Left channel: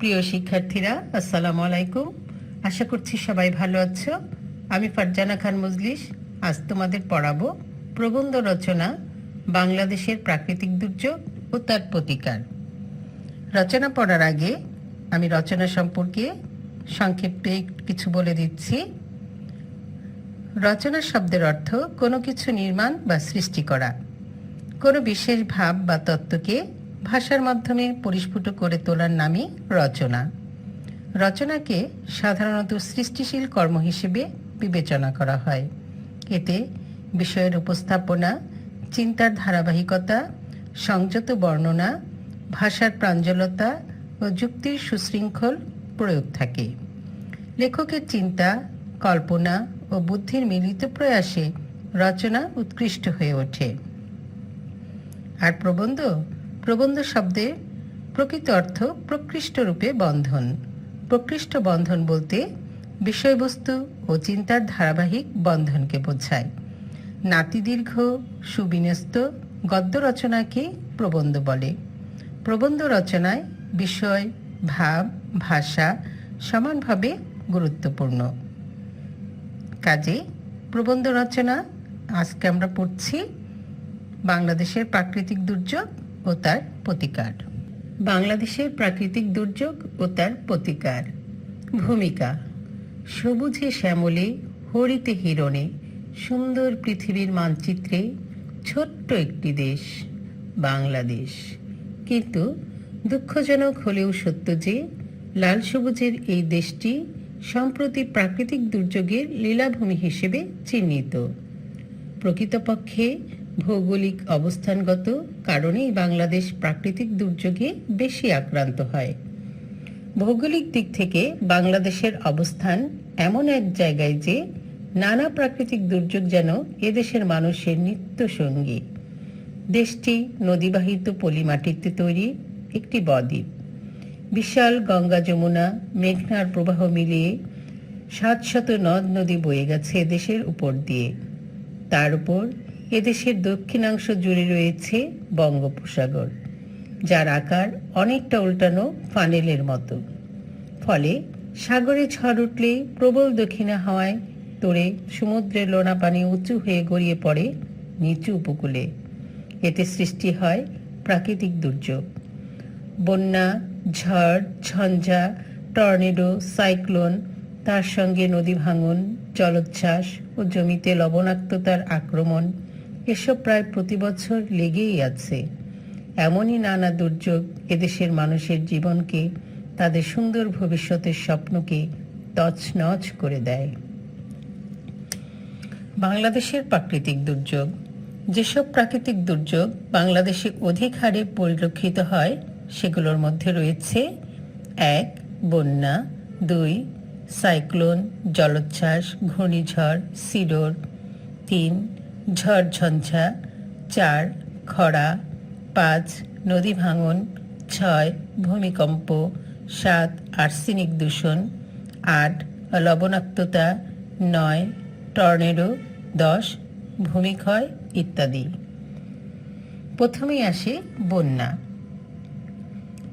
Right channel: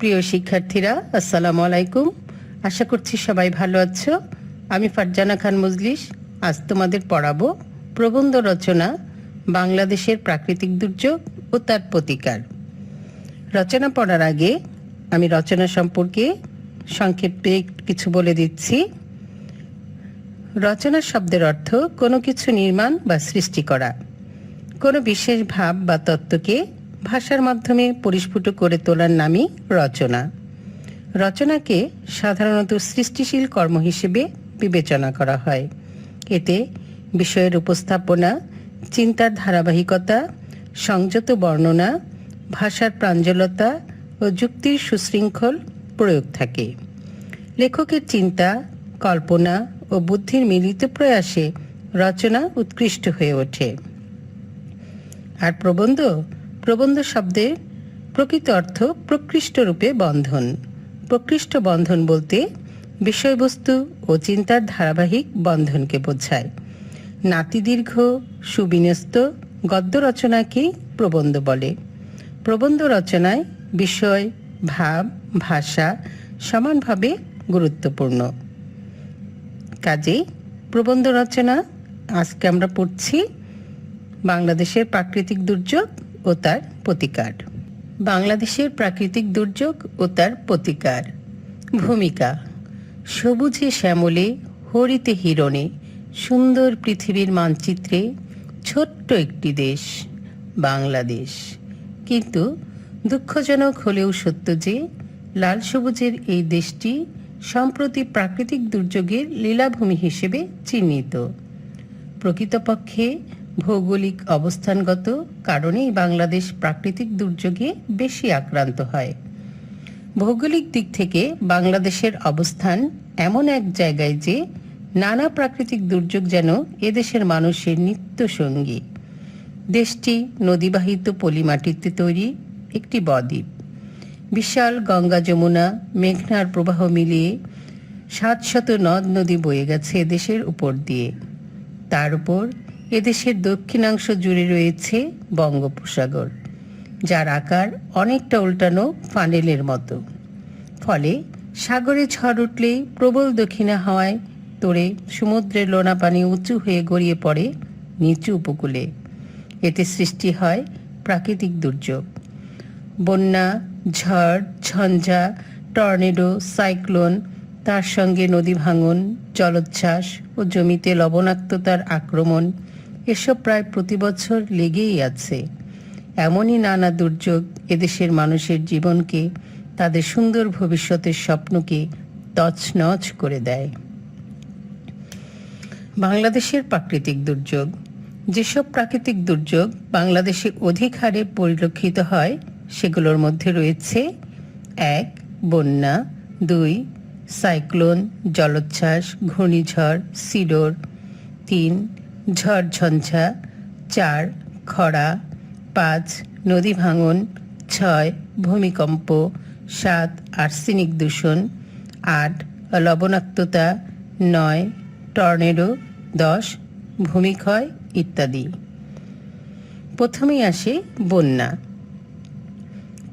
প্রিয় শিক্ষার্থীরা, আসসালামু আলাইকুম। আশা করছি সবাই ভালো আছো। আমি ফারজানা খান মজলিস আজ তোমাদের পড়াবো প্রবন্ধ রচনা বাংলাদেশের প্রাকৃতিক দুর্যোগ ও তার প্রতিকার। রচনা পড়ার আগে আমি রচনা সম্পর্কে সংক্ষেপে কিছু বলে দিচ্ছি। রচনা শব্দের অর্থ কোনো কিছু নির্মাণ বা সৃষ্টি করা, কোনো বিশেষ ভাব বা তত্ত্বকে ভাষার মাধ্যমে পরিস্ফুট করে তোলার নামই রচনা। রচনাকে সাধারণত সৃষ্টিশীল কর্ম হিসেবে বিবেচনা করা হয়। এতে বিষয়ের উপস্থাপনা, চিন্তার ধারাবাহিকতা, সংযত বর্ণনা, ভাষার প্রাঞ্জলতা ও যুক্তির সুশৃঙ্খল প্রয়োগ থাকে। লেখকের চিন্তা, কল্পনা ও বুদ্ধির মিলিত প্রয়াসে রচনা উৎকৃষ্ট হয়ে ওঠে। আর প্রবন্ধ শব্দের প্রকৃত অর্থ প্রকৃষ্ট রূপে বন্ধন। প্রকৃষ্ট বন্ধন বলতে বিষয়বস্তু ও চিন্তার ধারাবাহিক বন্ধনকে বোঝায়। নাতিদীর্ঘ সুবিন্যস্ত গদ্য রচনাকেই প্রবন্ধ বলে। প্রবন্ধ রচনায় বিষয়, ভাব, ভাষা সমানভাবে গুরুত্বপূর্ণ। কাজেই প্রবন্ধ রচনা আজকে আমরা পড়ছি বাংলাদেশের প্রাকৃতিক দুর্যোগ ও তার প্রতিকার। বাংলাদেশের প্রাকৃতিক দুর্যোগ ও তার প্রতিকার। ভূমিকা: সবুজে শ্যামলে, হরিতে হিরণে, সুন্দর পৃথিবীর মানচিত্রে ছোট্ট একটি দেশ বাংলাদেশ। কিন্তু দুঃখজনক হলেও সত্য যে লাল সবুজের এই দেশটি সম্প্রতি প্রাকৃতিক দুর্যোগের লীলাভূমি হিসেবে চিহ্নিত। প্রকৃতপক্ষে ভৌগোলিক অবস্থানগত কারণেই বাংলাদেশ প্রাকৃতিক দুর্যোগে বেশি আক্রান্ত হয়। ভৌগোলিক দিক থেকে বাংলাদেশের অবস্থান এমন এক জায়গায় যে নানা প্রাকৃতিক দুর্যোগ যেন এদেশের মানুষের নিত্য সঙ্গী। দেশটি নদীবাহিত পলিমাটিতে তৈরি একটি বদ্বীপ। বিশাল গঙ্গা, যমুনা, মেঘনার প্রবাহ মিলিয়ে ৭০০ নদ নদী বয়ে গেছে এদেশের উপর দিয়ে। তার উপর এদেশের দক্ষিণাংশ জুড়ে রয়েছে বঙ্গোপসাগর, যার আকার অনেকটা উল্টানো ফানেলের মতো। ফলে সাগরে ঝড় উঠলে প্রবল দক্ষিণা হাওয়ায় তোড়ে সমুদ্রের লোনা পানি উঁচু হয়ে গড়িয়ে পড়ে নিচু উপকূলে। এতে সৃষ্টি হয় প্রাকৃতিক দুর্যোগ। বন্যা, ঝড়, ঝঞ্ঝা, টর্নেডো, সাইক্লোন, তার সঙ্গে নদী ভাঙন, জলোচ্ছ্বাস ও জমিতে লবণাক্ততার আক্রমণ, এসব প্রায় প্রতি বছর লেগেই আছে। এমনই নানা দুর্যোগ এদেশের মানুষের জীবনকে, তাদের সুন্দর ভবিষ্যতের স্বপ্নকে তছনছ করে দেয়। বাংলাদেশের প্রাকৃতিক দুর্যোগ। যেসব প্রাকৃতিক দুর্যোগ বাংলাদেশে অধিক হারে পরিলক্ষিত হয় সেগুলোর মধ্যে রয়েছে: ১. বন্যা, ২. সাইক্লোন, জলোচ্ছ্বাস, ঘূর্ণিঝড়, সিডর, ৩. ঝড় ঝঞ্ঝা, ৪. খরা, ৫. নদী ভাঙন, ৬. ভূমিকম্প, ৭. আর্সেনিক দূষণ, ৮. লবণাক্ততা, ৯. টর্নেডো, ১০. ভূমিক্ষয় ইত্যাদি। প্রথমেই আসে বন্যা।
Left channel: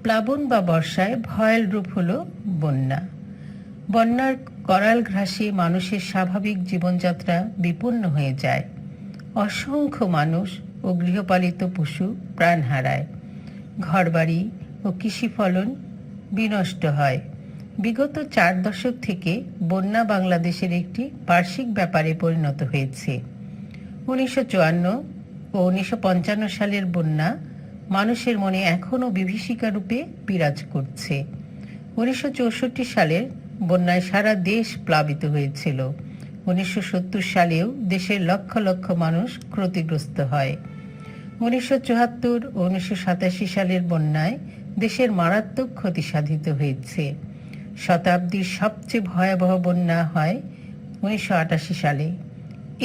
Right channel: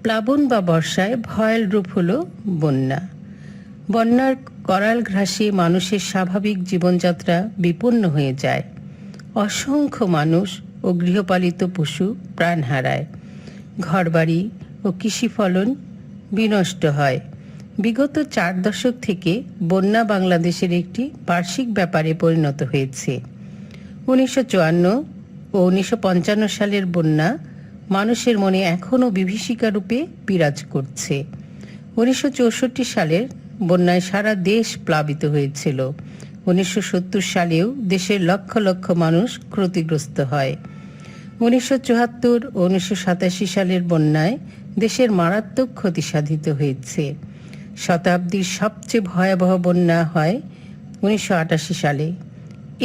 প্লাবন বা বর্ষায় ভয়াল রূপ হল বন্যা। বন্যার করাল ঘ্রাসে মানুষের স্বাভাবিক জীবনযাত্রা বিপন্ন হয়ে যায়। অসংখ্য মানুষ ও গৃহপালিত পশু প্রাণ হারায়। ঘরবাড়ি ও কৃষি ফলন বিনষ্ট হয়। বিগত ৪ দশক থেকে বন্যা বাংলাদেশের একটি বার্ষিক ব্যাপারে পরিণত হয়েছে। ১৯৫৪ ও ১৯৫৫ সালের বন্যা মানুষের মনে এখনও বিভীষিকা রূপে বিরাজ করছে। ১৯৬৪ সালের বন্যায় সারা দেশ প্লাবিত হয়েছিল। ১৯৭০ সালেও দেশের লক্ষ লক্ষ মানুষ ক্ষতিগ্রস্ত হয়। ১৯৭৪ ও ১৯৮৭ সালের বন্যায় দেশের মারাত্মক ক্ষতি সাধিত হয়েছে। শতাব্দীর সবচেয়ে ভয়াবহ বন্যা হয় ১৯৮৮ সালে।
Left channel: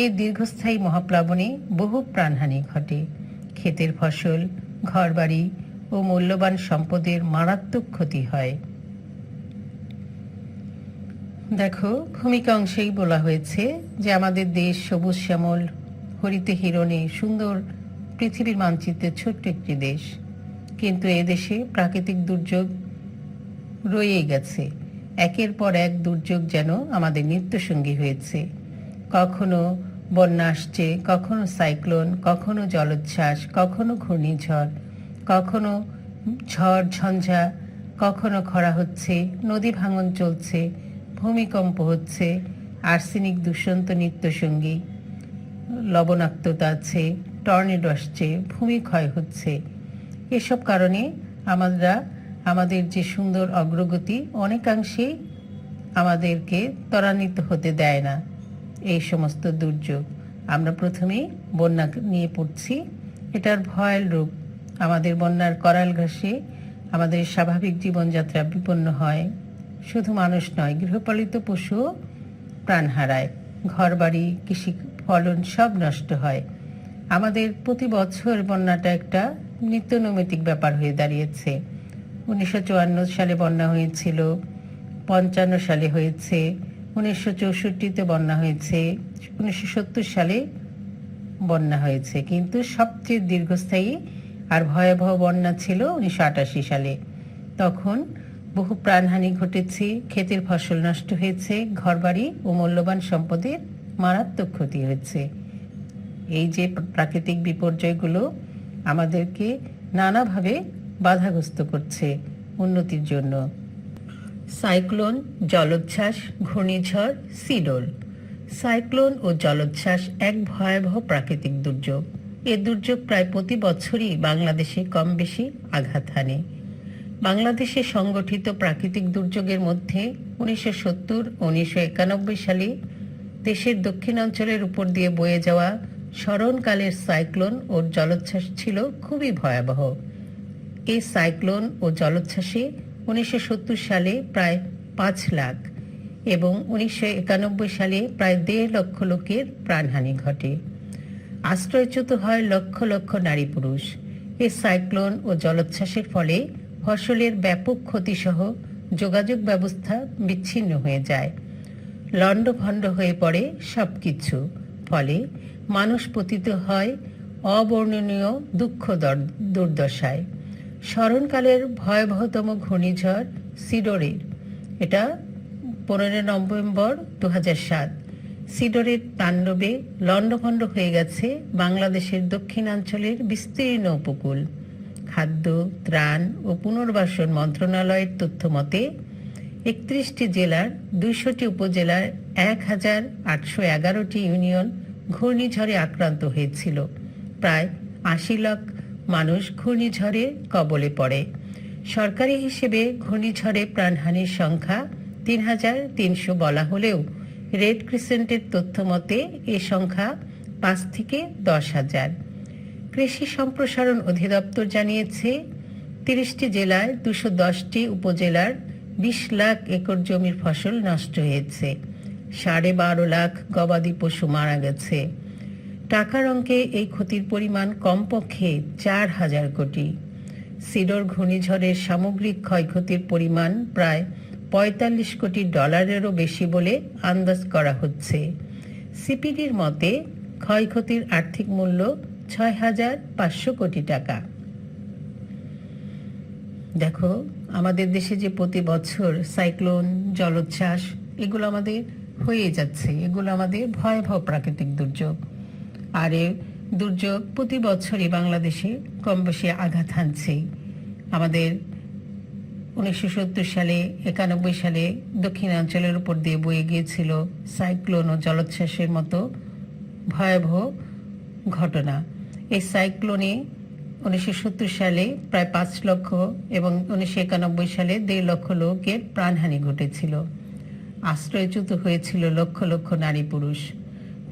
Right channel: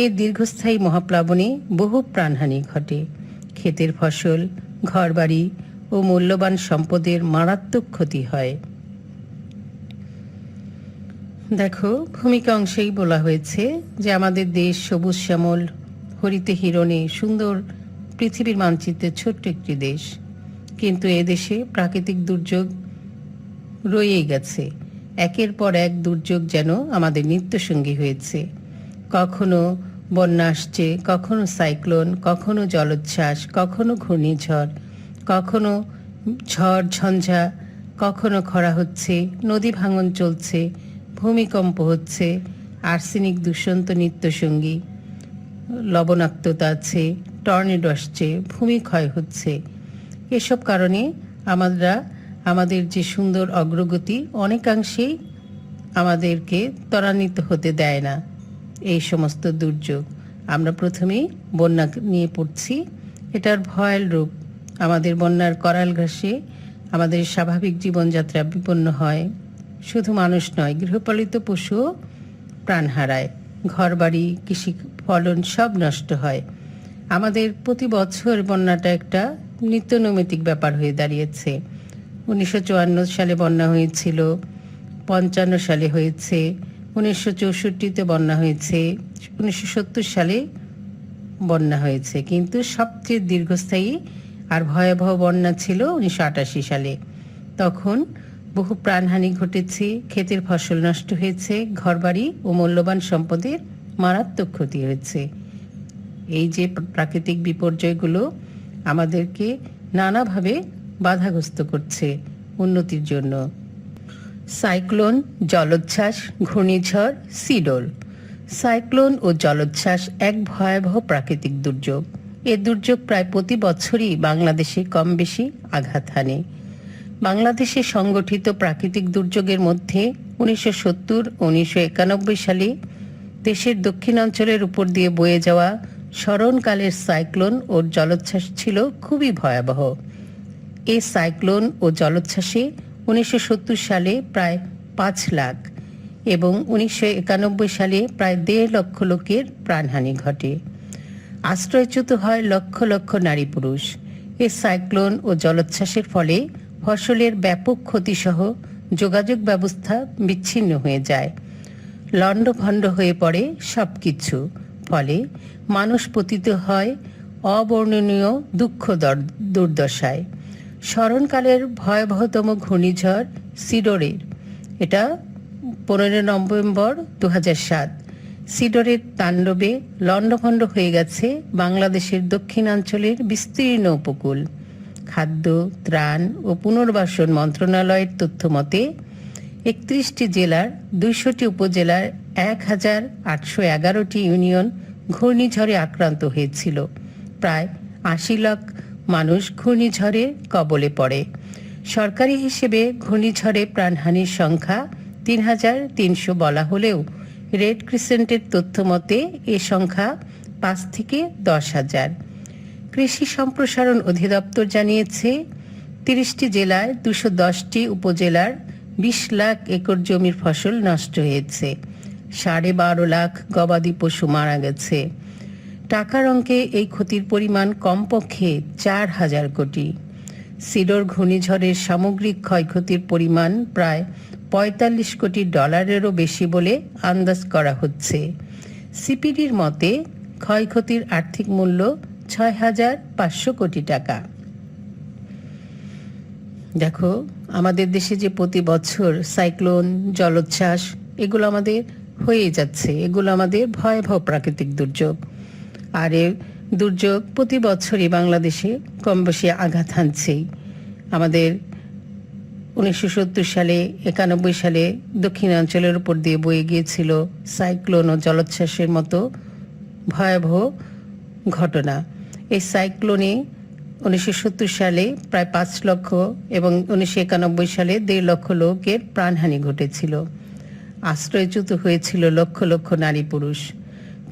এই দীর্ঘস্থায়ী মহাপ্লাবনে বহু প্রাণহানি ঘটে। ক্ষেতের ফসল, ঘরবাড়ি ও মূল্যবান সম্পদের মারাত্মক ক্ষতি হয়। দেখো, ভূমিকা অংশেই বলা হয়েছে যে আমাদের দেশ সবুজ শ্যামল, হরিতে হিরণে, সুন্দর পৃথিবীর মানচিত্রের ছোট্ট একটি দেশ। কিন্তু এদেশে প্রাকৃতিক দুর্যোগ রয়েই গেছে। একের পর এক দুর্যোগ যেন আমাদের নিত্যসঙ্গী হয়েছে। কখনো বন্যা আসছে, কখনো সাইক্লোন, কখনো জলোচ্ছ্বাস, কখনো ঘূর্ণিঝড়, কখনো ঝড় ঝঞ্ঝা, কখনো খরা হচ্ছে, নদী ভাঙন চলছে, ভূমিকম্প হচ্ছে, আর্সেনিক দূষণ তো নিত্যসঙ্গী, লবণাক্ততা আছে, টর্নেডো আসছে, ভূমি ক্ষয় হচ্ছে। এসব কারণে আমাদের যে সুন্দর অগ্রগতি অনেকাংশেই আমাদেরকে ত্বরান্বিত হতে দেয় না এই সমস্ত দুর্যোগ। আমরা প্রথমেই বন্যা নিয়ে পড়ছি। এটার ভয়াল রূপ। আমাদের বন্যার করাল ঘাসে আমাদের স্বাভাবিক জীবনযাত্রা বিপন্ন হয়। শুধু মানুষ নয়, গৃহপালিত পশুও প্রাণ হারায়, ঘরবাড়ি, কৃষি ফলন সব নষ্ট হয়। আমাদের প্রতি বছর বন্যাটা একটা নিত্যনৈমিত্তিক ব্যাপার হয়ে দাঁড়িয়েছে। 1954 সালে বন্যা হয়েছিল, 55 সালে হয়েছে, 1964-তে বন্যা হয়েছে, 1970 সালে বন্যা হয়েছে। কিন্তু সবচেয়ে দীর্ঘস্থায়ী আর ভয়াবহ বন্যা ছিল 1988 সালে। তখন বহু প্রাণহানি ঘটেছে, ক্ষেতের ফসল নষ্ট হয়েছে, ঘরবাড়ি ও মূল্যবান সম্পদের মারাত্মক ক্ষতি হয়েছে। এই যে প্রাকৃতিক বিপর্যয়গুলো আমাদেরকে নানাভাবে বাধাগ্রস্ত করছে উন্নতির জন্য। সাইক্লোন, জলোচ্ছ্বাস, ঘূর্ণিঝড়, সিডর। সাইক্লোন ও জলোচ্ছ্বাস এক ভয়াবহ প্রাকৃতিক দুর্যোগ। এ দুর্যোগ প্রায় প্রতি বছরই বাংলাদেশে কম বেশি আঘাত হানে। বাংলাদেশে সংগঠিত প্রাকৃতিক দুর্যোগের মধ্যে 1970 ও 1991 সালে দেশের দক্ষিণাঞ্চলের উপর দিয়ে বয়ে যাওয়া স্মরণকালের সাইক্লোন ও জলোচ্ছ্বাস ছিল খুবই ভয়াবহ। এই সাইক্লোন ও জলোচ্ছ্বাসে 1970 সালে প্রায় 5 লাখ এবং 1991 সালে প্রায় 1.5 লক্ষ লোকের প্রাণহানি ঘটে। আশ্রয়চ্যুত হয় লক্ষ লক্ষ নারী পুরুষ। এই সাইক্লোন ও জলোচ্ছ্বাসের ফলে ফসলের ব্যাপক ক্ষতিসহ যোগাযোগ ব্যবস্থা বিচ্ছিন্ন হয়ে যায়। লণ্ডভণ্ড হয়ে পড়ে সবকিছু। ফলে মানুষ পতিত হয় অবর্ণনীয় দুঃখ দুর্দশায়। স্মরণকালের ভয়াবহতম ঘূর্ণিঝড় সিডরের, এটা 15 নভেম্বর 2007, সিডরের তাণ্ডবে লণ্ডভণ্ড হয়ে গেছে বাংলাদেশের দক্ষিণাঞ্চলের বিস্তীর্ণ উপকূল। খাদ্য, ত্রাণ ও পুনর্বাসন মন্ত্রণালয়ের তথ্য মতে 31টি জেলার 200টি উপজেলার 1811টি ইউনিয়ন ঘূর্ণিঝড়ে আক্রান্ত হয়েছিল। প্রায় 80 লাখ মানুষ ঘূর্ণিঝড়ের কবলে পড়ে। সরকারি হিসেবে ঘূর্ণিঝড়ে প্রাণহানির সংখ্যা 3,300 বলা হলেও রেড ক্রিসেন্টের তথ্য মতে এ সংখ্যা 5 থেকে 10,000। কৃষি সম্প্রসারণ অধিদপ্তর জানিয়েছে 30টি জেলায় 210টি উপজেলার 20 লাখ একর জমির ফসল নষ্ট হয়েছে। 12.5 লাখ গবাদি পশু মারা গেছে। টাকার অঙ্কে এই ক্ষতির পরিমাণ কমপক্ষে 4,000 কোটি। সিডর ঘূর্ণিঝড়ের সামগ্রিক ক্ষয়ক্ষতির পরিমাণ প্রায় 45 কোটি ডলারেরও বেশি বলে আন্দাজ করা হচ্ছে। সিপিডির মতে ক্ষয়ক্ষতির আর্থিক মূল্য 6,500 কোটি টাকা। দেখো, আমাদের দেশে যে প্রতি বছর সাইক্লোন, জলোচ্ছ্বাস এগুলো আমাদের হয়ে যাচ্ছে, এগুলো আমাদের ভয়াবহ প্রাকৃতিক দুর্যোগ। আর এ দুর্যোগ প্রতি বছরই বাংলাদেশে কম বেশি আঘাত হানছেই। আমাদের 1970 সালে, 91 সালে দক্ষিণাঞ্চলের উপর দিয়ে বয়ে গিয়েছিল সাইক্লোন ও জলোচ্ছ্বাসের মতো ভয়াবহ ঘটনা। এই সাইক্লোনে 1970 সালে প্রায় 5 লক্ষ এবং 1991 সালে 1.5 লক্ষ লোকের প্রাণহানি ঘটেছিল। আশ্রয়চ্যুত হয়েছিল লক্ষ লক্ষ নারী পুরুষ।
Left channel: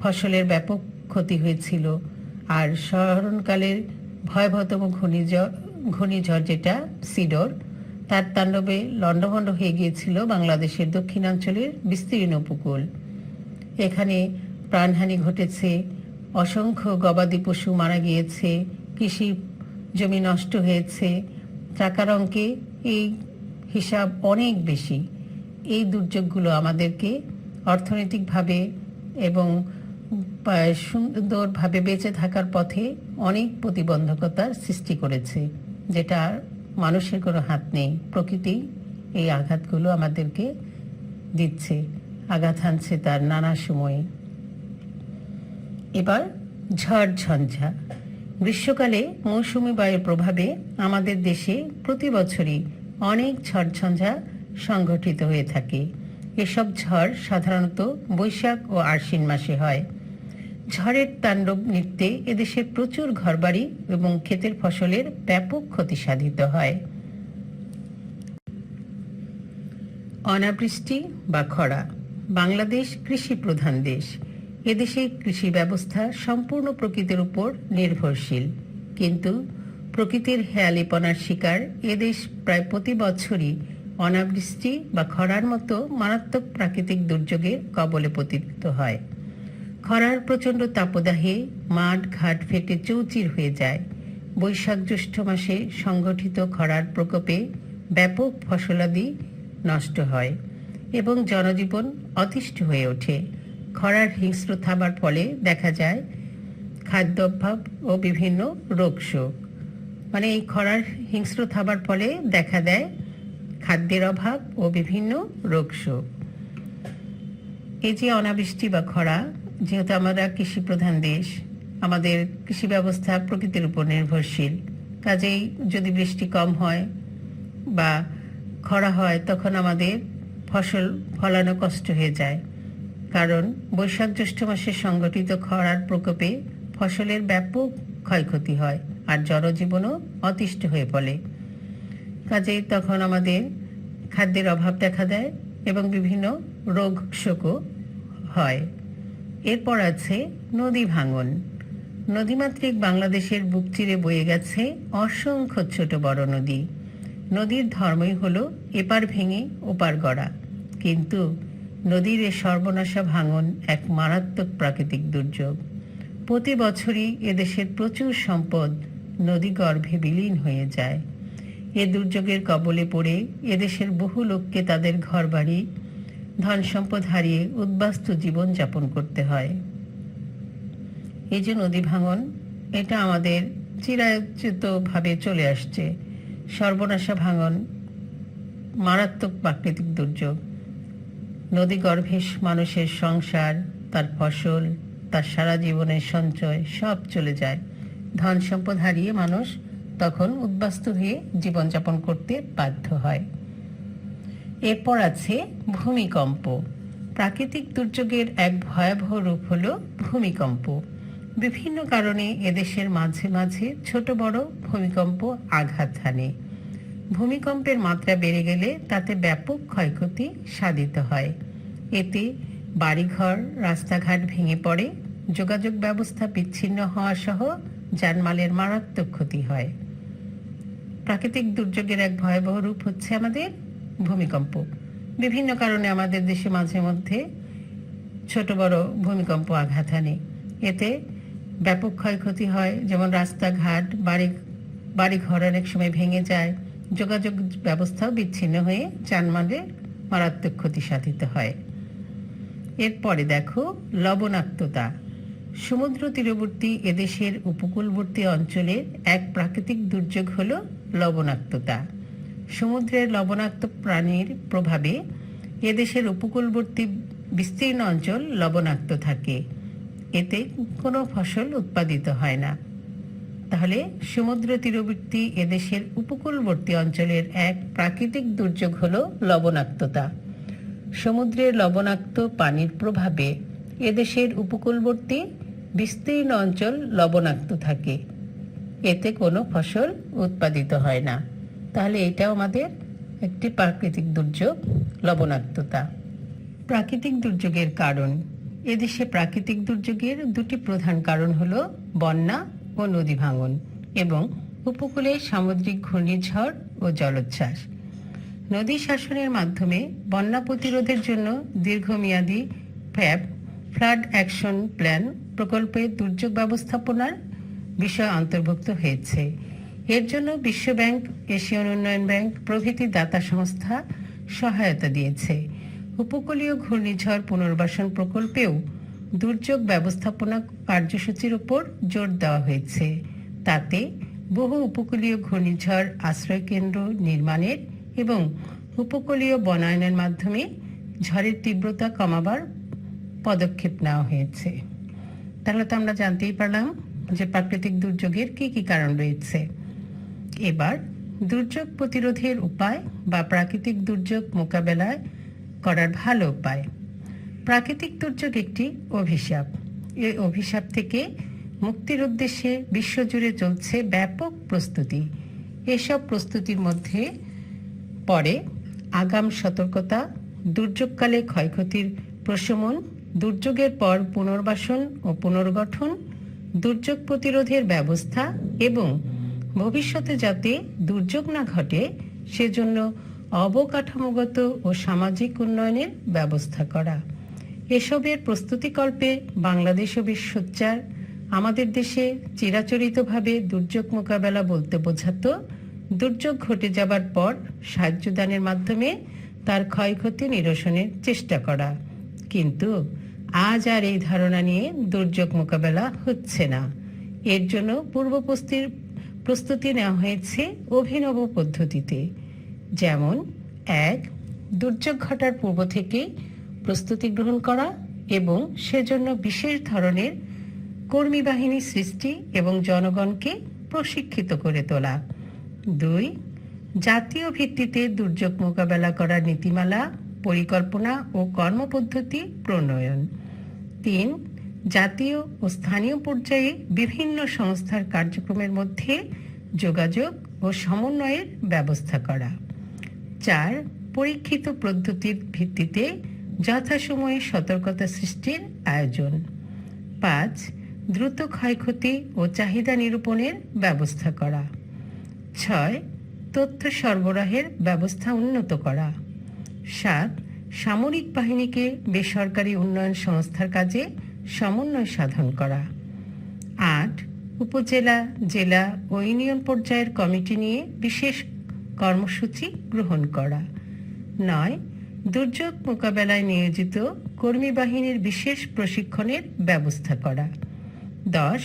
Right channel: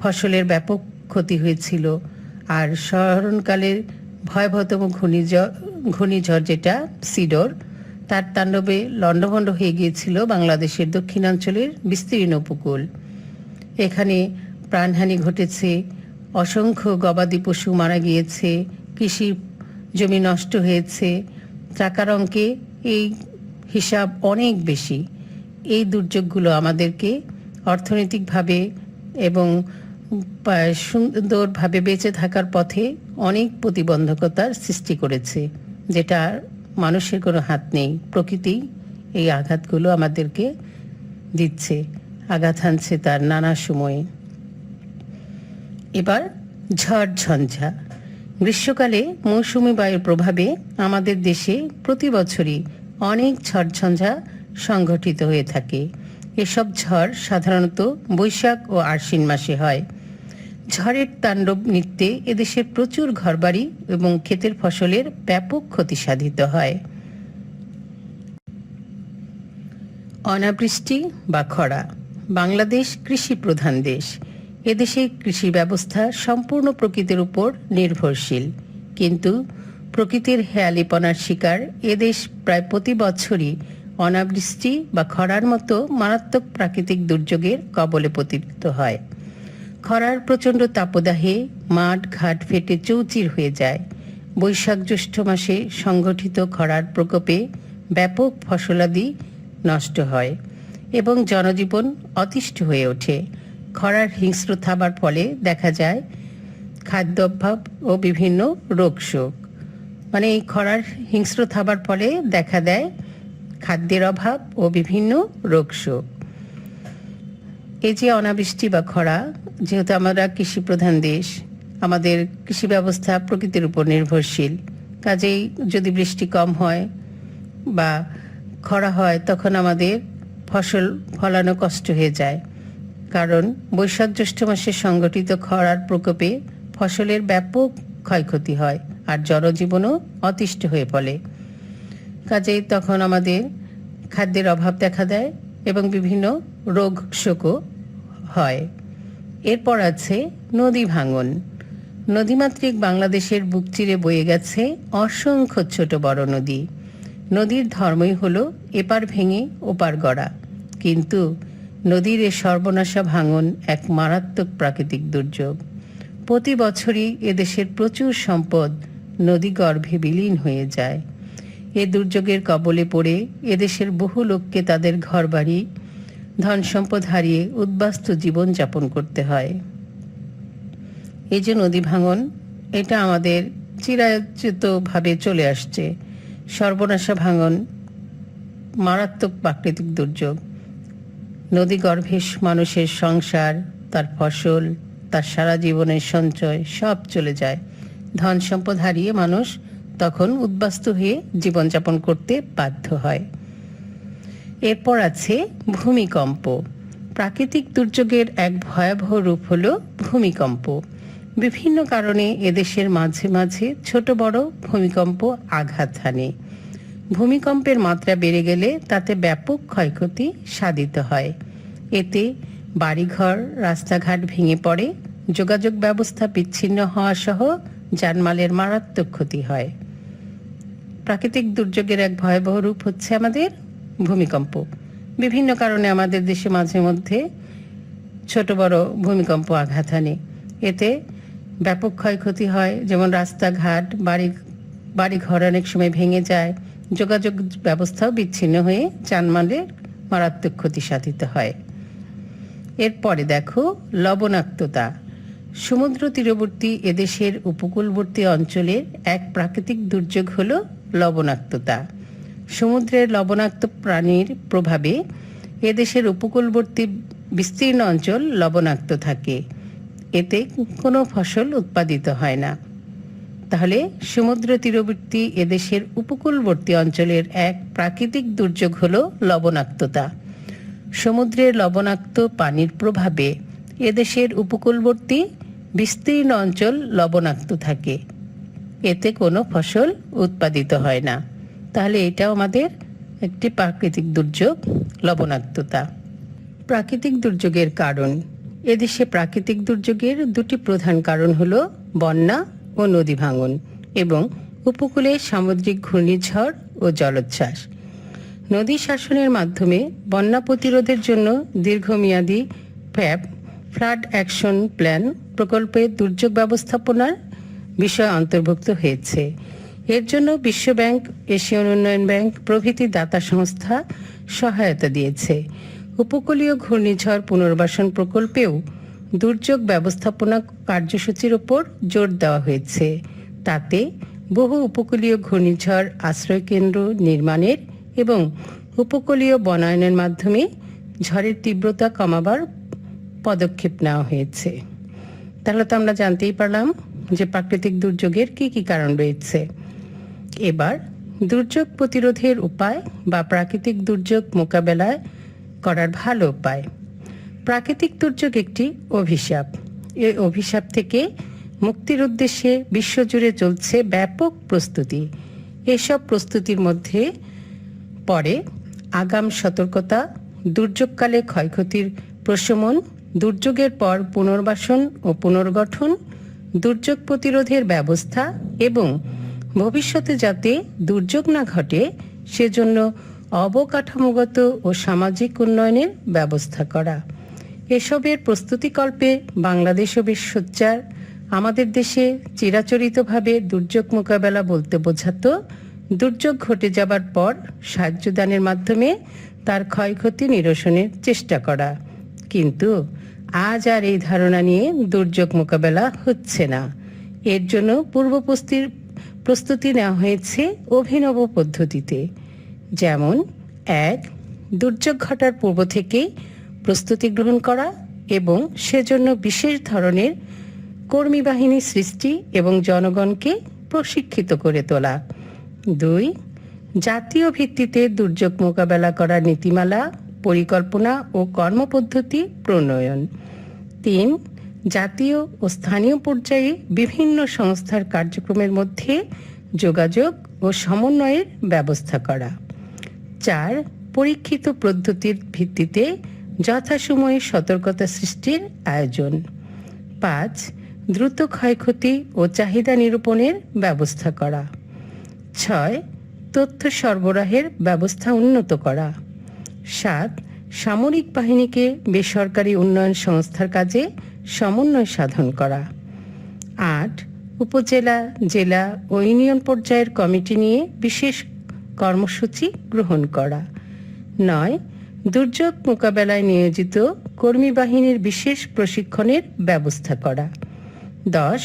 ফসলের ব্যাপক ক্ষতি হয়েছিল। আর স্মরণকালের ভয়াবহতম ঘূর্ণিঝড় যেটা সিডর, তার তাণ্ডবে লণ্ডভণ্ড হয়ে গিয়েছিল বাংলাদেশের দক্ষিণাঞ্চলের বিস্তীর্ণ উপকূল। এখানে প্রাণহানি ঘটেছে, অসংখ্য গবাদি পশু মারা গিয়েছে, কৃষি জমি নষ্ট হয়েছে। টাকার অঙ্কে এই হিসাব অনেক বেশি। এই দুর্যোগগুলো আমাদেরকে অর্থনৈতিকভাবে এবং সুন্দরভাবে বেঁচে থাকার পথে অনেক প্রতিবন্ধকতার সৃষ্টি করেছে, যেটা মানুষের কোনো হাত নেই। প্রকৃতি এই আঘাতগুলো আমাদেরকে দিচ্ছে, আঘাত হানছে তার নানা সময়ে। এবার ঝড় ঝঞ্ঝা। গ্রীষ্মকালে মৌসুমী বায়ুর প্রভাবে আমাদের দেশে প্রতি বছরই অনেক ঝড়ঝঞ্ঝা সংঘটিত হয়ে থাকে। এসব ঝড় সাধারণত বৈশাখ ও আশ্বিন মাসে হয়। ঝড়ের তাণ্ডব নৃত্যে এদেশের প্রচুর ঘরবাড়ি এবং ক্ষেতের ফসলের ব্যাপক ক্ষতি সাধিত হয়। অনাবৃষ্টি বা খরা। বাংলাদেশ কৃষি প্রধান দেশ। এদেশে কৃষি ব্যবস্থা সম্পূর্ণ প্রকৃতির উপর নির্ভরশীল, কিন্তু প্রকৃতির হেয়ালিপনার শিকার এদেশ প্রায় প্রতি বছরই অনাবৃষ্টি বা খরার মতো মারাত্মক প্রাকৃতিক দুর্যোগের কবলে পতিত হয়। খরার প্রচণ্ড তাপদাহে মাঠ ঘাট ফেটে চৌচির হয়ে যায়। বৈশাখ জ্যৈষ্ঠ মাসে সংগঠিত খরার প্রকোপে ব্যাপক ফসলাদি নষ্ট হয় এবং জনজীবন অতিষ্ঠ হয়ে ওঠে। খরার হিংস্র থাবার ফলে দেখা যায় খাদ্য অভাব ও বিভিন্ন রোগ শোক। মানে এই খরার হিংস্র থাবার ফলে দেখা দেয় খাদ্যের অভাব ও বিভিন্ন রোগ শোক। এই যে অনাবৃষ্টি বা খরা, যেহেতু আমরা কৃষি প্রধান দেশ, আমাদের কৃষি ব্যবস্থা প্রকৃতির উপর নির্ভরশীল, কাজেই যদি বৃষ্টি কম হয় বা খরা হয় তখন আমাদের ফসল ফলানো কষ্ট হয়ে যায়। কারণ বৈশাখ জ্যৈষ্ঠ মাসে সংগঠিত খরার প্রকোপে ফসলের ব্যাপক ক্ষয়ক্ষতি হয় আর জনজীবনও অতিষ্ঠ হয়ে পড়ে। কাজেই তখন আমাদের খাদ্যের অভাব দেখা দেয় এবং বিভিন্ন রোগ শোকও হয়। এরপর আছে নদী ভাঙন। নদীমাতৃক বাংলাদেশের বুক চিরে বয়ে গেছে অসংখ্য ছোট বড় নদী। নদীর ধর্মই হলো এপার ভেঙে ওপার গড়া, কিন্তু নদীর এ সর্বনাশা ভাঙন এক মারাত্মক প্রাকৃতিক দুর্যোগ। প্রতি বছরই এদেশের প্রচুর সম্পদ নদী গর্ভে বিলীন হয়ে যায়। এ দুর্যোগের কবলে পড়ে এদেশের বহু লোককে তাদের ঘরবাড়ি ধন সম্পদ হারিয়ে উদ্বাস্তু জীবন যাপন করতে হয়। এই যে নদী ভাঙন, এটা আমাদের চিরায়তভাবে চলে আসছে। সর্বনাশা ভাঙন মারাত্মক প্রাকৃতিক দুর্যোগ। নদী গর্ভে মানুষের সংসার, তার ফসল, তার সারা জীবনের সঞ্চয় সব চলে যায়। ধন সম্পদ হারিয়ে মানুষ তখন উদ্বাস্তু হয়ে জীবনযাপন করতে বাধ্য হয়। এরপর আছে ভূমিকম্প। প্রাকৃতিক দুর্যোগের এক ভয়াবহ রূপ হলো ভূমিকম্প। বিভিন্ন কারণে এদেশের মাঝে মাঝে ছোট বড় ভূমিকম্প আঘাত হানে। ভূমিকম্পের মাত্রা বেড়ে গেলে তাতে ব্যাপক ক্ষয়ক্ষতি সাধিত হয়। এতে বাড়িঘর, রাস্তাঘাট ভেঙে পড়ে, যোগাযোগ ব্যবস্থা বিচ্ছিন্ন হওয়া সহ জানমালের মারাত্মক ক্ষতি হয়। প্রাকৃতিক দুর্যোগের এক ভয়াবহ রূপ হচ্ছে আমাদের ভূমিকম্প। বিভিন্ন কারণে আমাদের দেশে মাঝে মধ্যে ছোট বড় ভূমিকম্প আঘাত হানে। এতে ব্যাপক ক্ষয়ক্ষতি হয়, যেমন রাস্তাঘাট, বাড়িঘর অনেক সময় ভেঙে যায়, যোগাযোগ ব্যবস্থাও বিচ্ছিন্ন হয়ে জানমালের মারাত্মক ক্ষতি সাধিত হয়। এরপরে দেখো লবণাক্ততা। সমুদ্র তীরবর্তী এদেশের উপকূলবর্তী অঞ্চলের এক প্রাকৃতিক দুর্যোগ হলো লবণাক্ততা। সমুদ্রের লবণাক্ত প্রাণীর প্রভাবে এদেশের উপকূলবর্তী বিস্তীর্ণ অঞ্চল লবণাক্ত থাকে। এতে কোনো ফসল উৎপাদিত হয় না। তাহলে সমুদ্র তীরবর্তী এদেশের উপকূলবর্তী অঞ্চলের এক প্রাকৃতিক দুর্যোগ হলো লবণাক্ততা। সমুদ্রের লবণাক্ত পানির প্রভাবে এদেশের উপকূলবর্তী বিস্তীর্ণ অঞ্চল লবণাক্ত থাকে। এতে কোনো ফসল উৎপাদিত হয় না। তাহলে এটাও আমাদের একটি প্রাকৃতিক দুর্যোগ, লবণাক্ততা। প্রাকৃতিক দুর্যোগের কারণ। এদেশে প্রাকৃতিক দুর্যোগের দুটি প্রধান কারণ হলো বন্যা ও নদী ভাঙন এবং উপকূলে সামুদ্রিক ঘূর্ণিঝড় ও জলোচ্ছ্বাস। নদী শাসনের মাধ্যমে বন্যা প্রতিরোধের জন্য দীর্ঘমেয়াদী ফ্লাড অ্যাকশন প্ল্যান প্রকল্পে দুর্যোগ ব্যবস্থাপনার বিষয় অন্তর্ভুক্ত হয়েছে। এর জন্য বিশ্বব্যাংক, এশিয়ান উন্নয়ন ব্যাংক প্রভৃতি দাতা সংস্থা সহায়তা দিয়েছে। উপকূলীয় ঘূর্ণিঝড় পুনর্বাসন প্রকল্পেও দুর্যোগ ব্যবস্থাপনা কার্যসূচির উপর জোর দেওয়া হয়েছে। তাতে বহু উপকূলীয় ঘূর্ণিঝড় আশ্রয় কেন্দ্র নির্মাণের এবং উপকূলীয় বনায়নের মাধ্যমে ঝড়ের তীব্রতা কমাবার পদক্ষেপ নেওয়া হয়েছে। তাহলে তো আমরা জানতেই পারলাম যে প্রাকৃতিক দুর্যোগের কি কি কারণ রয়েছে। এবার দুর্যোগ প্রতিরোধের উপায় বা প্রাকৃতিক দুর্যোগ মোকাবেলায় করার ভালো উপায়। প্রাকৃতিক দুর্যোগ একটি অভিশাপ। এই অভিশাপ থেকে মুক্তির উদ্দেশ্যে বিশ্বজুড়ে চলছে ব্যাপক প্রস্তুতি। এসব প্রস্তুতির মধ্যে পড়ে আগাম সতর্কতা, দুর্যোগকালে ক্ষয়ক্ষতির প্রশমন, দুর্যোগের পর পুনর্বাসন ও পুনর্গঠন, দুর্যোগ প্রতিরোধের ব্যবস্থা এবং ভবিষ্যতে যাতে দুর্যোগ না ঘটে সেজন্য অবকাঠামোগত ও সামাজিক উন্নয়নের ব্যবস্থা করা। এসবের প্রস্তুতিকল্পে বাংলাদেশও বেশ সোচ্চার। আমাদের দেশে চিরাচরিতভাবে দুর্যোগ মোকাবেলা বলতে বোঝাতো দুর্যোগ ঘটে যাবার পর সাহায্যদানের মাধ্যমে তার ক্ষয়ক্ষতি নিরসনের চেষ্টা করা। কিন্তু আজ আর এই ধারণা নিয়ে দুর্যোগ মোকাবেলা হচ্ছে না। এর জন্য পূর্ব প্রস্তুতি নেওয়া হয়েছে অভিনব পদ্ধতিতে। যেমন 1. দুর্যোগ ঘটার পূর্ব থেকে প্রস্তুতি গ্রহণ করা এবং সেজন্য বিশেষ ধরনের কর্মী বাহিনী সৃষ্টি এবং জনগণকে প্রশিক্ষিত করে তোলা। 2. জাতীয় ভিত্তিতে দুর্যোগ মোকাবেলা করার নীতিমালা, পরিকল্পনা ও কর্মপদ্ধতি প্রণয়ন। 3. জাতীয় ও স্থানীয় পর্যায়ে বিভিন্ন সংস্থার কার্যক্রমের মধ্যে যোগাযোগ ও সমন্বয়ের ব্যবস্থা করা। 4. পরীক্ষিত পদ্ধতির ভিত্তিতে যথাসময়ে সতর্কতা সৃষ্টির আয়োজন। 5. দ্রুত ক্ষয়ক্ষতি ও চাহিদা নিরূপণের ব্যবস্থা করা। 6. তথ্য সরবরাহের ব্যবস্থা উন্নত করা। 7. সামরিক বাহিনীকে বেসরকারি উন্নয়ন সংস্থার কাজে সমন্বয় সাধন করা। 8. উপজেলা, জেলা ও ইউনিয়ন পর্যায়ের কমিটি নিয়ে বিশেষ কর্মসূচি গ্রহণ করা। 9. দুর্যোগ মোকাবেলায় নিয়োজিত কর্মী বাহিনীর বিশেষ প্রশিক্ষণের ব্যবস্থা করা। 10.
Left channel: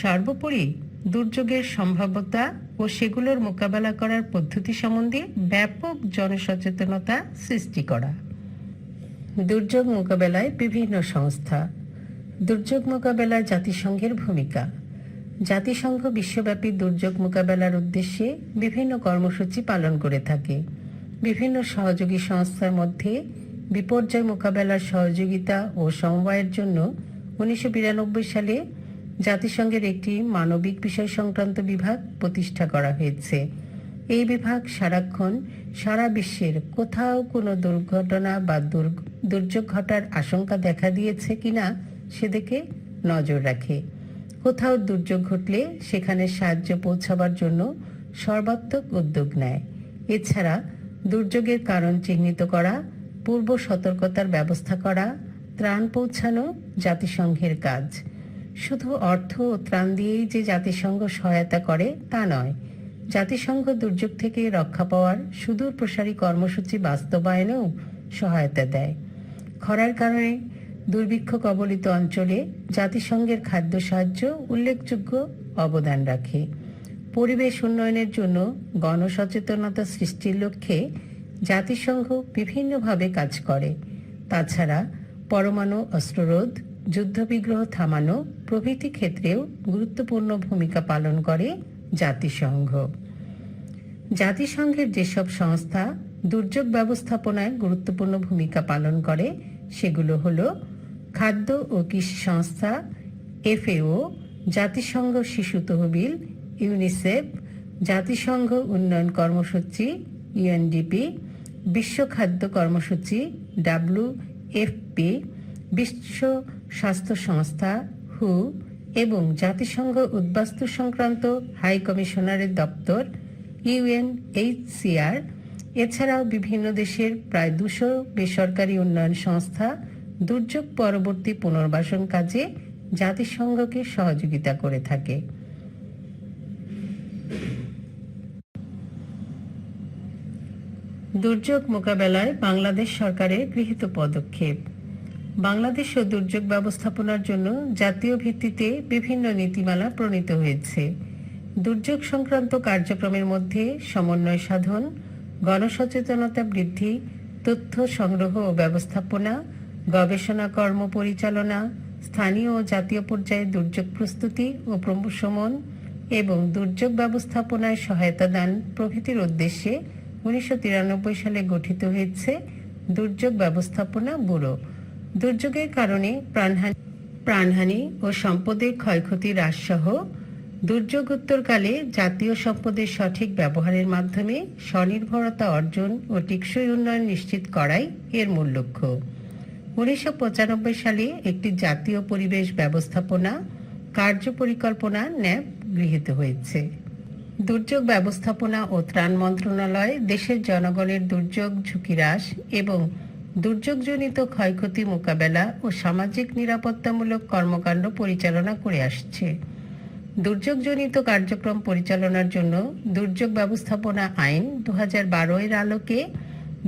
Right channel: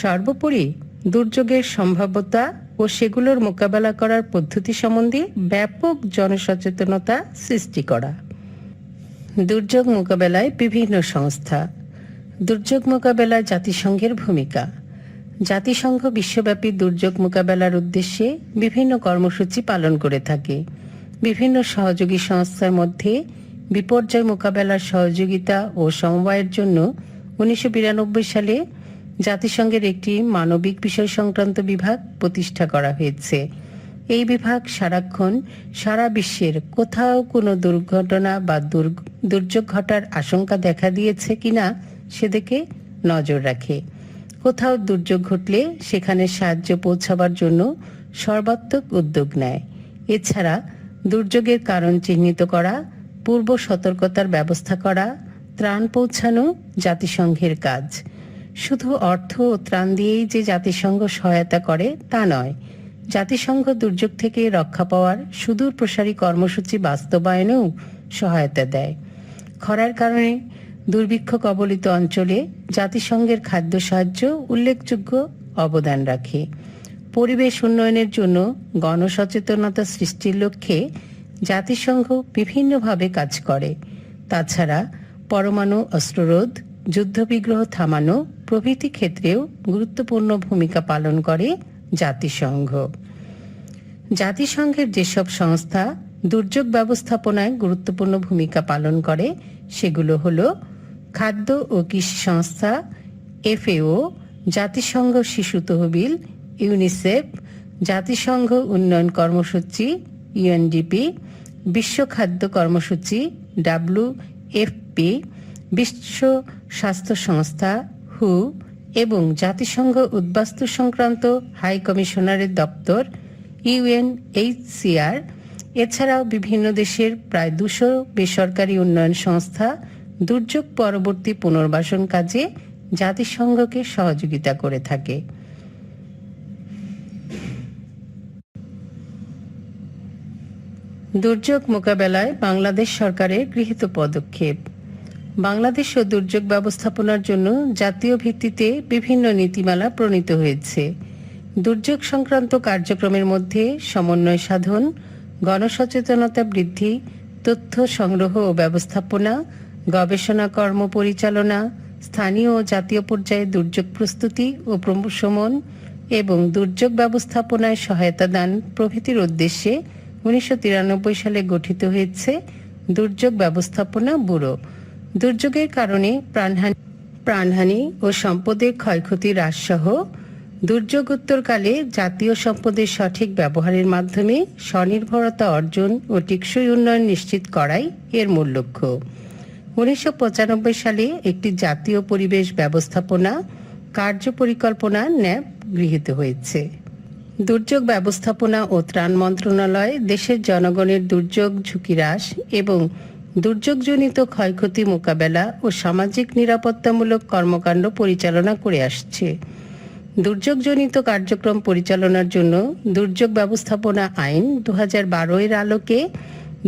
সর্বোপরি দুর্যোগের সম্ভাব্যতা ও সেগুলোর মোকাবেলা করার পদ্ধতি সম্বন্ধে ব্যাপক জনসচেতনতা সৃষ্টি করা। দুর্যোগ মোকাবেলায় বিভিন্ন সংস্থা। দুর্যোগ মোকাবেলায় জাতিসংঘের ভূমিকা। জাতিসংঘ বিশ্বব্যাপী দুর্যোগ মোকাবেলার উদ্দেশ্যে বিভিন্ন কর্মসূচি পালন করে থাকে। বিভিন্ন সহযোগী সংস্থার মধ্যে বিপর্যয় মোকাবেলার সহযোগিতা ও সমবায়ের জন্য 1992 সালে জাতিসংঘের একটি মানবিক বিষয় সংক্রান্ত বিভাগ প্রতিষ্ঠা করা হয়েছে। এই বিভাগ সারাক্ষণ সারা বিশ্বের কোথাও কোনো দুর্ঘটনা বা দুর্যোগ ঘটার আশঙ্কা দেখা দিয়েছে কিনা সেদিকে নজর রাখে। কোথাও দুর্যোগ ঘটলে সেখানে সাহায্য পৌঁছাবার জন্য সর্বাত্মক উদ্যোগ নেয়। এছাড়া দুর্যোগের কারণ চিহ্নিত করা, পূর্ব সতর্কতার ব্যবস্থা করা, ত্রাণ পৌঁছানো জাতিসংঘের কাজ। শুধু অর্থ ও ত্রাণ দিয়েই যে জাতিসংঘ সহায়তা করে তা নয়, জাতিসংঘ দুর্যোগ থেকে রক্ষা পাওয়ার সুদূর প্রসারী কর্মসূচি বাস্তবায়নেও সহায়তা দেয়। খরার কারণে দুর্ভিক্ষ কবলিত অঞ্চলে জাতিসংঘের খাদ্য সাহায্য উল্লেখযোগ্য অবদান রাখে। পরিবেশ উন্নয়নের জন্য গণসচেতনতা সৃষ্টির লক্ষ্যে জাতিসংঘ বিভিন্নভাবে কাজ করে। তাছাড়া পরমাণু অস্ত্ররোধ, যুদ্ধবিগ্রহ থামানো প্রভৃতি ক্ষেত্রেও গুরুত্বপূর্ণ ভূমিকা পালন করে জাতিসংঘ। জাতিসংঘের যেসব সংস্থা দুর্যোগ ব্যবস্থাপনায় গুরুত্বপূর্ণ ভূমিকা পালন করে সেগুলো হলো খাদ্য ও কৃষি সংস্থা, FAO, জাতিসংঘ শিশু তহবিল, ইউনিসেফ, জাতিসংঘ উন্নয়ন কর্মসূচি UNDP, বিশ্ব খাদ্য কর্মসূচি WFP, বিশ্ব স্বাস্থ্য সংস্থা WHO এবং জাতিসংঘ উদ্বাস্তু সংক্রান্ত হাই কমিশনারের দপ্তর UNHCR। এছাড়াও বিভিন্ন দেশের প্রায় 200 বেসরকারি উন্নয়ন সংস্থা দুর্যোগ পরবর্তী পুনর্বাসন কাজে জাতিসংঘকে সহযোগিতা করে থাকে। দুর্যোগ মোকাবেলায় বাংলাদেশ সরকারের গৃহীত পদক্ষেপ। বাংলাদেশ ও দুর্যোগ ব্যবস্থাপনার জন্য জাতীয় ভিত্তিতে বিভিন্ন নীতিমালা প্রণীত হয়েছে। দুর্যোগ সংক্রান্ত কার্যক্রমের মধ্যে সমন্বয় সাধন, গণসচেতনতা বৃদ্ধি, তথ্য সংগ্রহ ও ব্যবস্থাপনা, গবেষণা কর্ম পরিচালনা, স্থানীয় ও জাতীয় পর্যায়ে দুর্যোগ প্রস্তুতি ও প্রশমন এবং দুর্যোগ ব্যবস্থাপনায় সহায়তা দান প্রভৃতির উদ্দেশ্যে 1993 সালে গঠিত হয়েছে দুর্যোগ ব্যবস্থাপনা ব্যুরো। দুর্যোগের কারণে প্রাণহানি ও সম্পদের ক্ষয়ক্ষতি হ্রাসসহ দুর্যোগোত্তরকালে জাতীয় সম্পদের সঠিক ব্যবহারের মাধ্যমে স্বনির্ভরতা অর্জন ও টেকসই উন্নয়ন নিশ্চিত করাই এর মূল লক্ষ্য। 1995 সালে একটি জাতীয় পরিবেশ ব্যবস্থাপনা কার্য পরিকল্পনা ন্যাপ গৃহীত হয়েছে। দুর্যোগ ব্যবস্থাপনা ও ত্রাণ মন্ত্রণালয় দেশের জনগণের দুর্যোগ ঝুঁকি হ্রাস এবং দুর্যোগজনিত ক্ষয়ক্ষতি মোকাবেলা ও সামাজিক নিরাপত্তামূলক কর্মকাণ্ড পরিচালনা করে আসছে। দুর্যোগজনিত কার্যক্রম পরিচালনার জন্য দুর্যোগ ব্যবস্থাপনা আইন 2012 এর আলোকে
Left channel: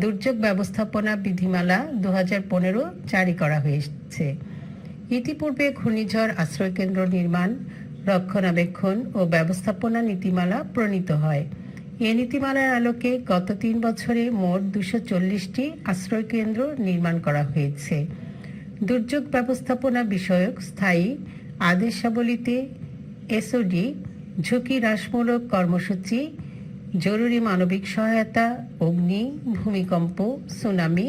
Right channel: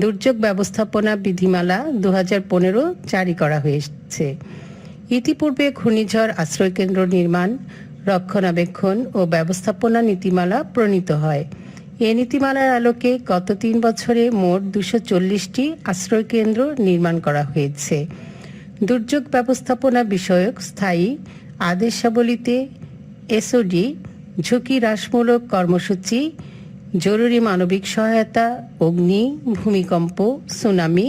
দুর্যোগ ব্যবস্থাপনা বিধিমালা 2015 জারি করা হয়েছে। ইতিপূর্বে ঘূর্ণিঝড় আশ্রয়কেন্দ্র নির্মাণ, রক্ষণাবেক্ষণ ও ব্যবস্থাপনা নীতিমালা প্রণীত হয়। এ নীতিমালার আলোকে গত 3 বছরে মোট 240টি আশ্রয়কেন্দ্র নির্মাণ করা হয়েছে। দুর্যোগ ব্যবস্থাপনা বিষয়ক স্থায়ী আদেশাবলীতে এসওডি, ঝুঁকি হ্রাসমূলক কর্মসূচি, জরুরি মানবিক সহায়তা, অগ্নি, ভূমিকম্প, সুনামি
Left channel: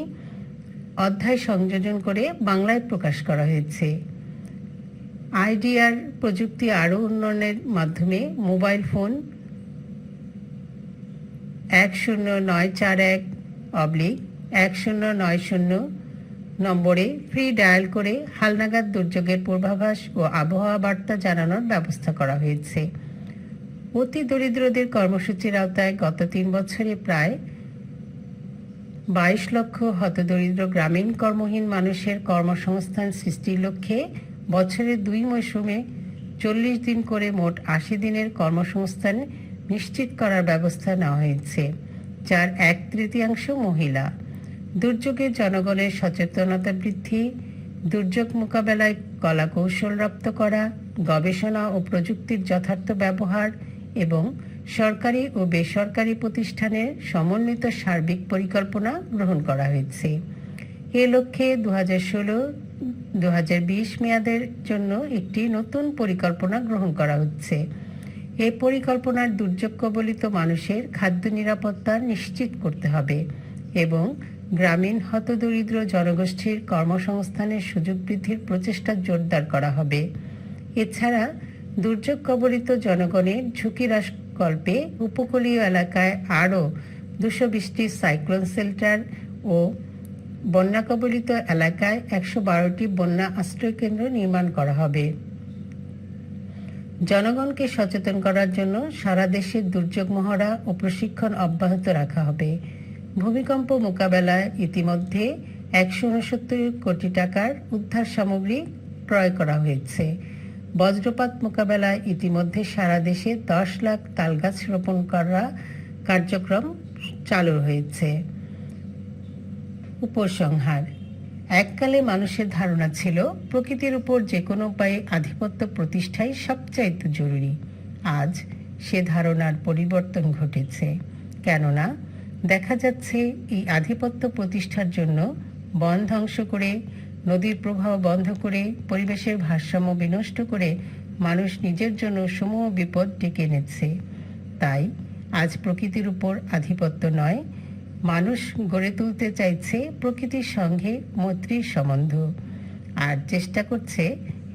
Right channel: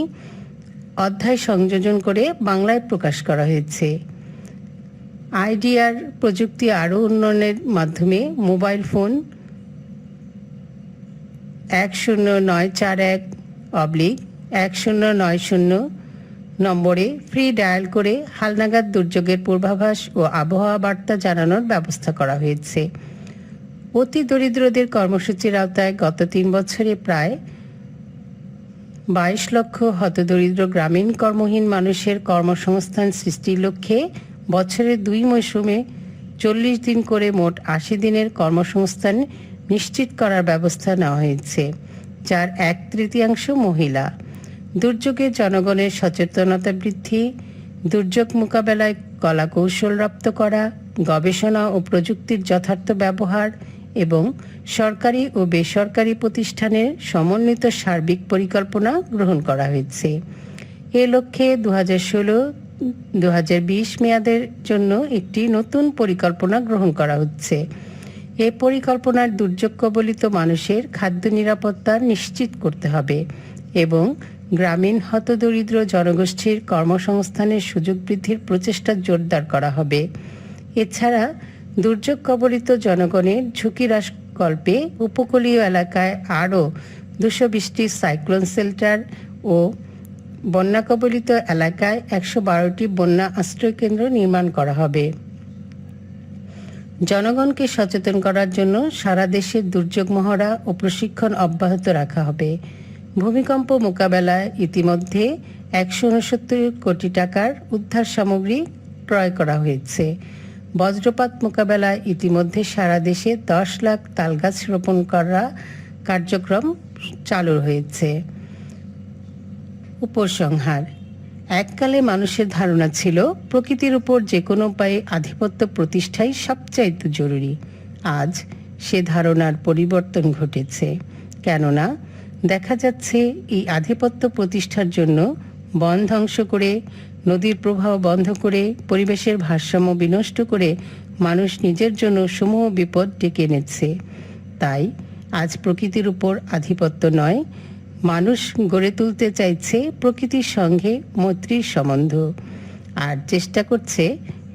অধ্যায় সংযোজন করে বাংলায় প্রকাশ করা হয়েছে। আইডিআর প্রযুক্তি আরও উন্নয়নের মাধ্যমে মোবাইল ফোন 10941/1090 নম্বরে ফ্রি ডায়াল করে হালনাগাদ দুর্যোগের পূর্বাভাস ও আবহাওয়া বার্তা জানানোর ব্যবস্থা করা হয়েছে। অতি দরিদ্রদের কর্মসূচির আওতায় গত 3 বছরে প্রায় 22 লক্ষ হতদরিদ্র গ্রামীণ কর্মহীন মানুষের কর্মসংস্থান সৃষ্টির লক্ষ্যে বছরের 2 মৌসুমে 40 দিন করে মোট 80 দিনের কর্মসংস্থান নিশ্চিত করার ব্যবস্থা নেওয়া হয়েছে, যার 1/3 মহিলা। দুর্যোগে জনগণের সচেতনতা বৃদ্ধি, দুর্যোগ মোকাবেলায় কলা কৌশল রপ্ত করা, গবেষণা ও প্রযুক্তির যথার্থ ব্যবহার এবং সরকারি ও বেসরকারি প্রতিষ্ঠানের সমন্বিত সার্বিক পরিকল্পনা গ্রহণ করা হয়েছে। এ লক্ষ্যে 2016-2020 মেয়াদের জন্য একটি নতুন পরিকল্পনা গ্রহণ করা হচ্ছে। এ পরিকল্পনার দুর্যোগ কবলিত মানুষের খাদ্য নিরাপত্তা নিশ্চিত করতে হবে এবং গ্রামীণ হতদরিদ্র জনগোষ্ঠীর কর্মসংস্থানের সুযোগ বৃদ্ধির প্রচেষ্টা জোরদার করা হবে। এছাড়া দুর্যোগ কবলিত জনগণের ঝুঁকি হ্রাসকল্পে উপকূলীয় এলাকায় আরও 220টি সাইক্লোন শেল্টার ও বন্যা কবলিত এলাকায় 112টি বন্যা আশ্রয়কেন্দ্র নির্মাণ করা হবে। জনগণকে সচেতন করার জন্য সারা দেশে দুর্যোগ মহড়া ও প্রশিক্ষণ অব্যাহত রাখা হবে। ভূমিকম্প মোকাবেলায় ইতিমধ্যে 169 কোটি টাকার উদ্ধার সামগ্রী ক্রয় করা হয়েছে। বজ্রপাত মোকাবেলায় ইতিমধ্যে সারা দেশে 10 লাখ তালগাছ রোপণ করা কার্যক্রম চালু হয়েছে। উপসংহার: এককালে মানুষের ধারণা ছিল প্রকৃতির উপর যে কোনো উপায়ে আধিপত্য প্রতিষ্ঠাই সবচাইতে জরুরি। আজ সে ধারণার পরিবর্তন ঘটেছে, কেননা দেখা যাচ্ছে এই আধিপত্য প্রতিষ্ঠার জন্য বন ধ্বংস করে, নদীর প্রবাহ বন্ধ করে, পরিবেশের ভারসাম্য বিনষ্ট করে মানুষ নিজের জন্য সমূহ বিপদ ডেকে এনেছে। তাই আজ প্রকৃতির উপর আধিপত্য নয়, মানুষ গড়ে তুলতে চাইছে প্রকৃতির সঙ্গে মৈত্রীর সম্বন্ধ, আর চেষ্টা করছে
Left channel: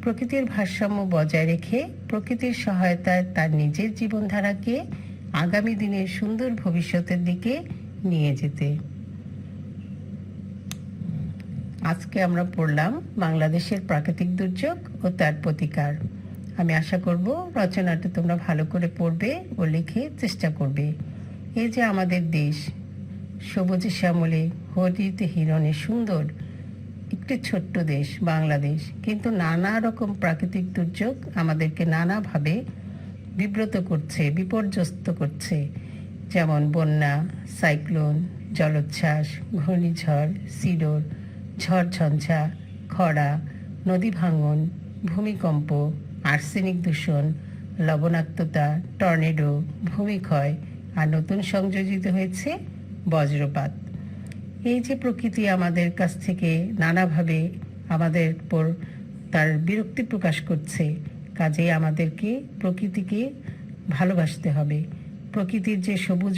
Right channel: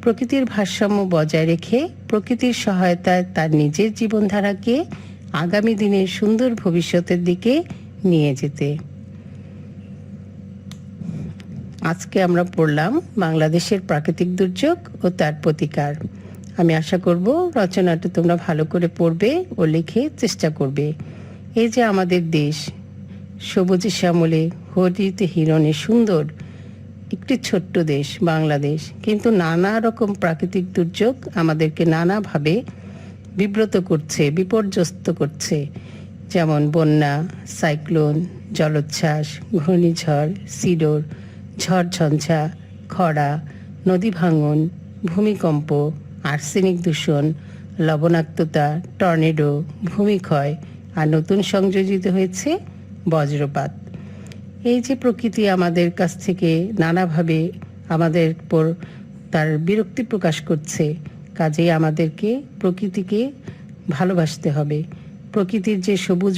প্রকৃতির ভারসাম্য বজায় রেখে প্রকৃতির সহায়তায় তার নিজের জীবনধারাকে আগামী দিনের সুন্দর ভবিষ্যতের দিকে নিয়ে যেতে। আজকে আমরা পড়লাম বাংলাদেশের প্রাকৃতিক দুর্যোগ ও তার প্রতিকার। আমি আশা করব রচনাটা তোমরা ভালো করে পড়বে ও লিখে চেষ্টা করবে। এই যে আমাদের দেশ, সবুজে শ্যামলে হরিতে হিরণে সুন্দর একটি ছোট্ট দেশ বাংলাদেশ, কিন্তু নানা রকম প্রাকৃতিক দুর্যোগ আমাদেরকে নানাভাবে বিব্রত করছে, বিপর্যস্ত করছে। যেমন বন্যা, সাইক্লোন, জলোচ্ছ্বাস, ঘূর্ণিঝড়, সিডর, ঝড় ঝঞ্ঝা, খরা, নদী ভাঙন, ভূমিকম্প, আর্সেনিক দূষণ, লবণাক্ততা, টর্নেডো, ভূমিক্ষয়, আর নতুন সংযোজিত হয়েছে বজ্রপাত। এই যে প্রকৃতি আমাদের কাছ থেকে নানাভাবে আমাদের উপর তার বিরক্তি প্রকাশ করছে, কাজেই আমাদেরকে প্রকৃতিকে ভালোবাসতে হবে। প্রকৃতির যে সবুজ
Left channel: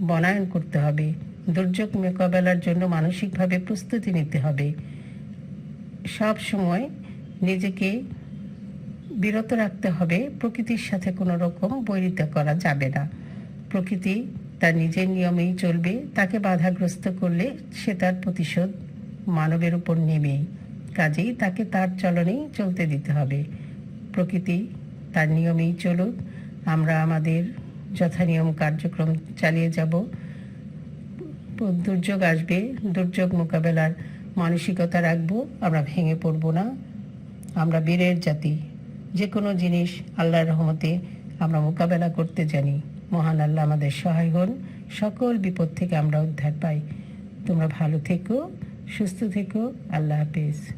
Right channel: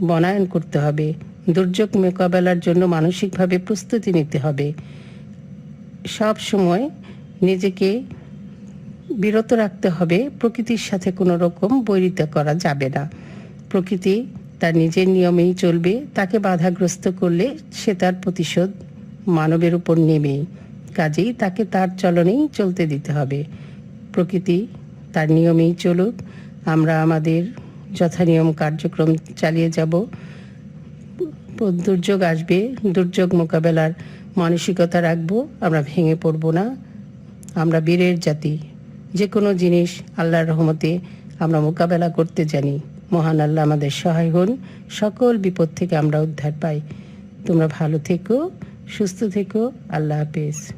বনায়ন করতে হবে। দুর্যোগ মোকাবেলার জন্য মানসিকভাবে প্রস্তুতি নিতে হবে। সব সময় নিজেকে বিরত রাখতে হবে, প্রকৃতির সাথে কোনো রকম বৈরিতা করা যাবে না। প্রকৃতি তার নিজের নিয়মেই চলবে, তাকে বাধাগ্রস্ত করলে সে তার প্রতিশোধ মানবের উপর নেবেই। কাজেই তাকে তার চলনেই চলতে দিতে হবে। প্রকৃতি তার নিয়মেই চলুক, আমরা আমাদের যথানিয়ম কার্যক্রম চালিয়ে যাব। দুর্যোগ আসবে, দুর্যোগ মোকাবেলার মানসিকতা রাখবো, আমরা ভেঙে পড়ব না। আমরা বীরের জাতি, যে কোনো জিনিস আল্লাহর রহমতে আমরা মোকাবেলা করতে জানি। মহান আল্লাহ আমাদের সহায় হন, সকল বিপদ থেকে আমরা উদ্ধার পাই। তোমরা ভালো থেকো, সুস্থ থেকো। আল্লাহ হাফেজ।